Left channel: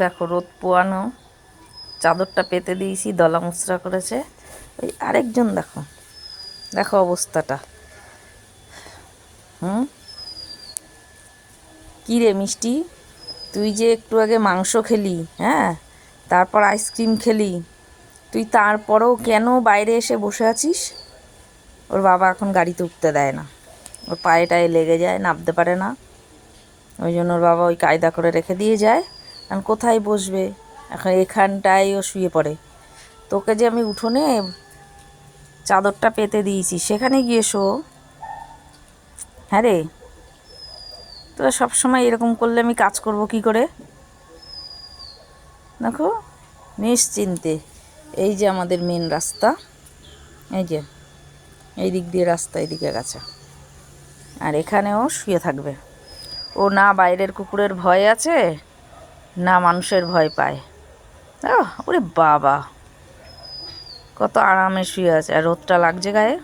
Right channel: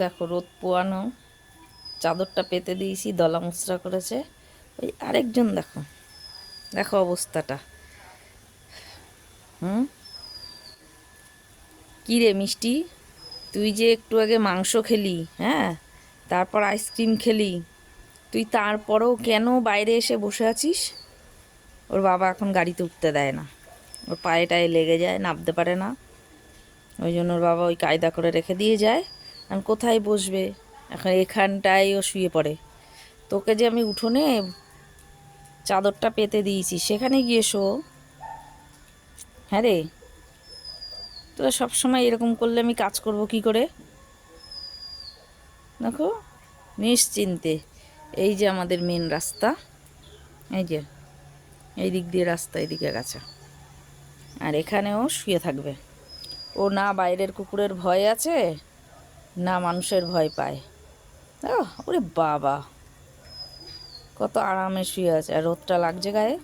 দেখো রোদ পোয়ানো, চাদরটা পেতে দিয়েছি, দলা মুচড়া করেছে। ওই আরেকজন দেখো, দেখো অবস্থাটা। হুম, কী রে মিষ্টি, তুই যে একটু আগে মাংস খেলি, হ্যাঁ, তারপর আইসক্রিম খেলি, তুই তারপরেও কেন বাইরে এসে বসে আছিস? ওর বাবা এখন গাড়িতে উঠতে দেয় না, ওর পায়ে টায়ে লেগে যায়, নামতে পারে না। ওই জন্য ওর বাবা ওই কায়দা করে রেখে দিয়ে যায়। এখন কোথায় বসবে? এখন এখানটায় ও শুয়ে পড়ে। তোকে যে আমি উঠোনে চাদরটা পেতে দিয়েছি, সেখানে গিয়ে শো। হ্যাঁ রে, তোরা সবসময় এরকম করলে আমি কাজ করব কি করে? দেখো, নিশ্চিন্তে। এই যে আমাদের মেন রাস্তা, এই যে এই দিক দিয়ে রাস্তা, এদিকে গেছে, আর এখানেও শুয়ে থাকবে। ও না বাইরের কুকুরের ভয় আছে, না মানুষের ভয় পায়। ওরে বাবা, কত আরামে শুয়ে আছে, আর রোদটা লাগছে গায়ে।